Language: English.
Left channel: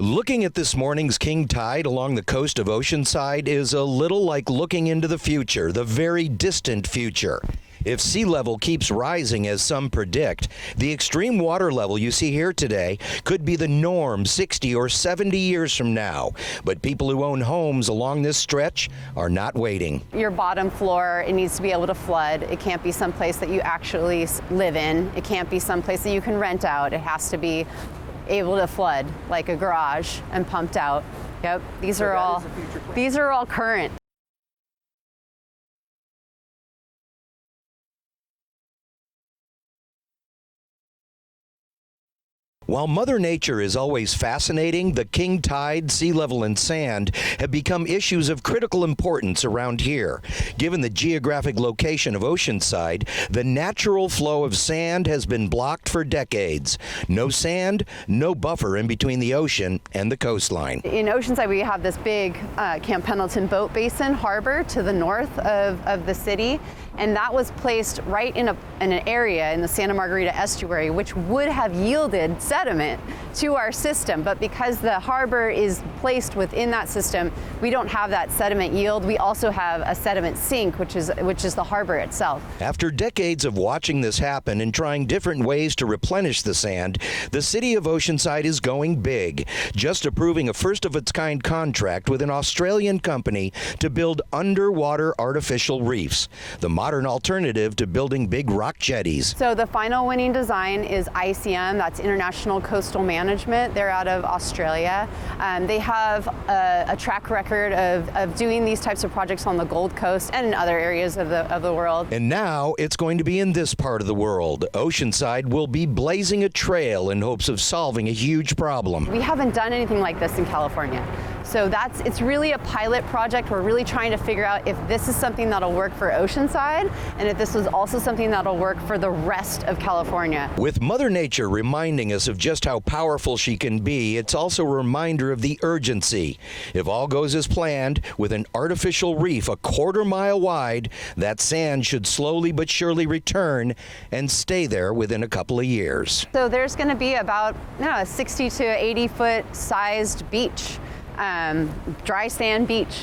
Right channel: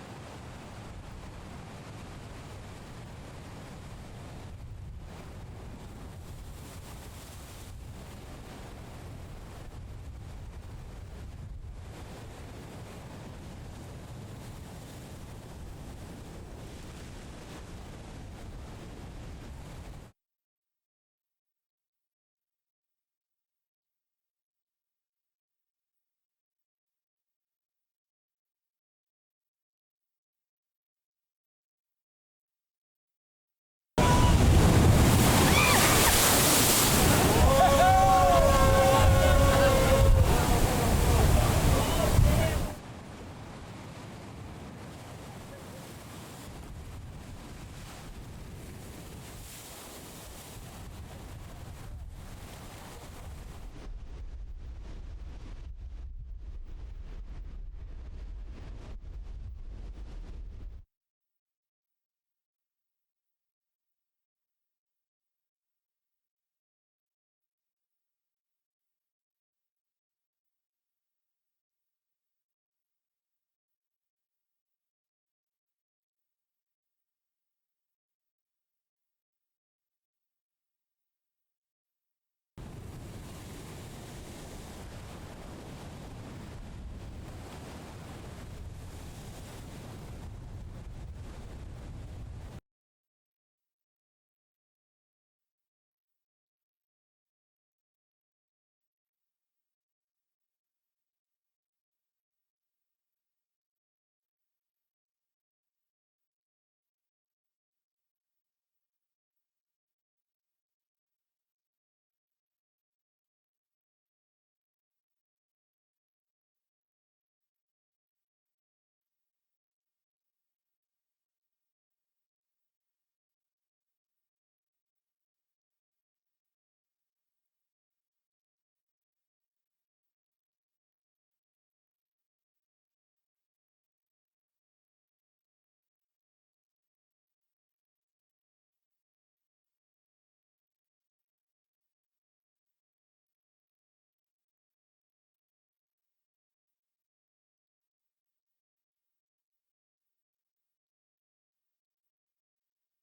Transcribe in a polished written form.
Looking at this morning's king tide along the coast of Oceanside is a little like looking into the future, the very distant future. If sea level keeps rising as some predict, the extreme water level you see here today could be the norm 60 or 70 years from now. But people who own homes along this stretch are not waiting. Your bottom floor, it needs to be able to flood. It can't be someplace that you actually live in. It can't be someplace that you can rent out. It has to be able to flood like a garage and pumped out. Yep, these are all current. While Mother Nature is always fascinating, the king tide, sea level, and sand have become issues of critical importance around here. Given the geographic location of Oceanside, the natural flow of sand has been blocked for decades. No sand, no buffer in between the ocean and the coastline. In Oceanside, we have this big Camp Pendleton boat basin harbor to the north of the city, and that was placed right in an area in the Santa Margarita estuary, which would have yielded sediment to our system. But because the harbor is placed within that system, we don't have that sediment yield. We also have a sediment sink, which is the harbor itself. After decades of watching this happen and trying different ways to replenish the sand, the city of Oceanside is going big, just approving a first-of-its-kind contract with an Australian company to build underwater artificial reefs, the modern alternative to building big rock jetties. So the final winning design is ICM, that's International Coastal Management. They're out of Australia. They have a track record of doing these types of projects on the Gold Coast and in other areas of the world. And now it's going to be in this part of the world. Oceanside will be blazing a trail in hopes of solving a huge problem. We haven't done anything like this in California. So it's really a pilot project. We're really trying to figure out if this is something that'll work for Oceanside and if this is also something that'll work for the rest of California. With Mother Nature reminding us of just how powerful she can be, it's also a reminder of the urgency. If all goes as planned, with an artificial reef a quarter-mile wide, that sand should slowly but surely return and stay there within a couple of years. So there's going to be about a 60 to 80 foot sized beach. Dry sand beach